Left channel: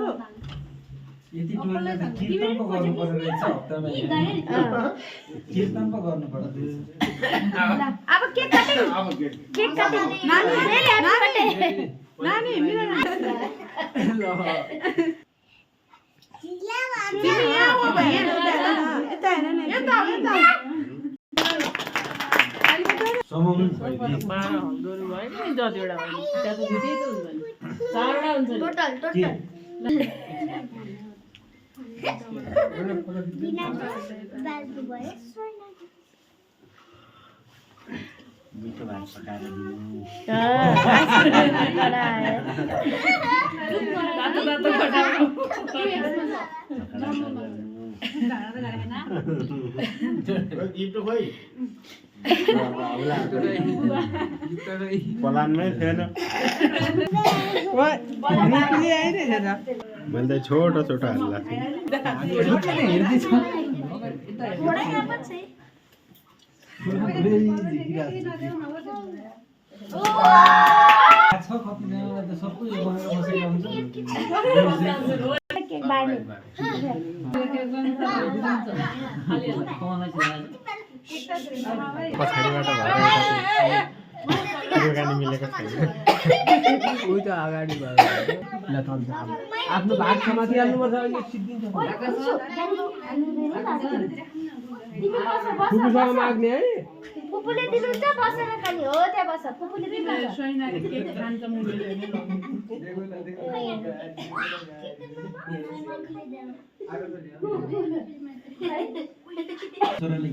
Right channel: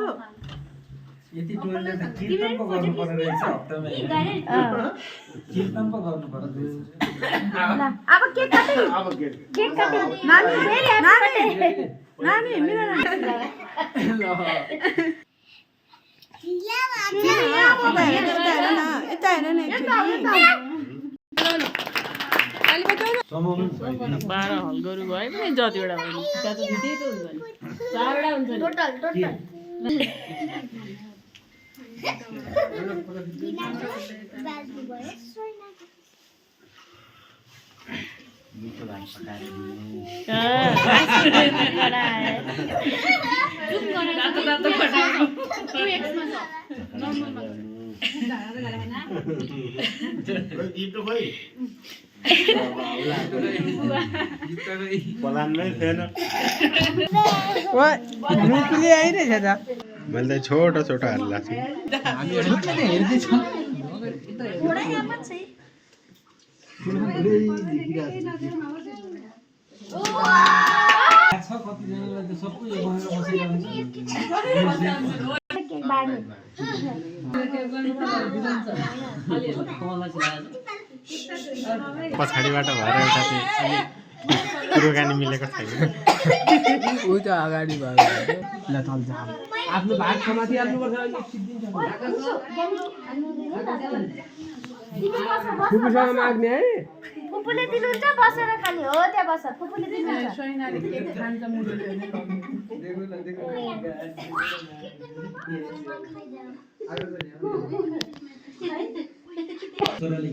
छोरो यति टोलले त कीर्तन पो गर्नु पर्ने रहेछ हप्तामा कीर्तन पो गर्नु पर्ने अब केक काटे नानी नानी नानी मिला तिमी यहाँ हो भैया यता हेर्नु नि यता समाउनु गोरु भयो नि जतिवटा भयो त्यहाँ त दुईटै त हुन्छ नि चारवटा हुन्छ टोटल मिठो भाइ पकाएर दिनु पलानमै थिएन मैले त छोटो छोटो हाल्ला छु कतिजनालाई त सबै बनाएर बसेर हुन्छ पछाडिबाट भएर एउटा चाहिँ कुरोकानी मिलेको छैन उही त अगाडि भयो आफ्नो भाग समाति हाल्नुपर्छ अहिले सिद्धिन्छ फुपूसँग माग्ने है फुपूले दिनुहुन्छ बसेर खाने हो त्यहाँ बस फुपूले दिनुहुन्छ सोइनाले केक खान्छ मुडुले छोराले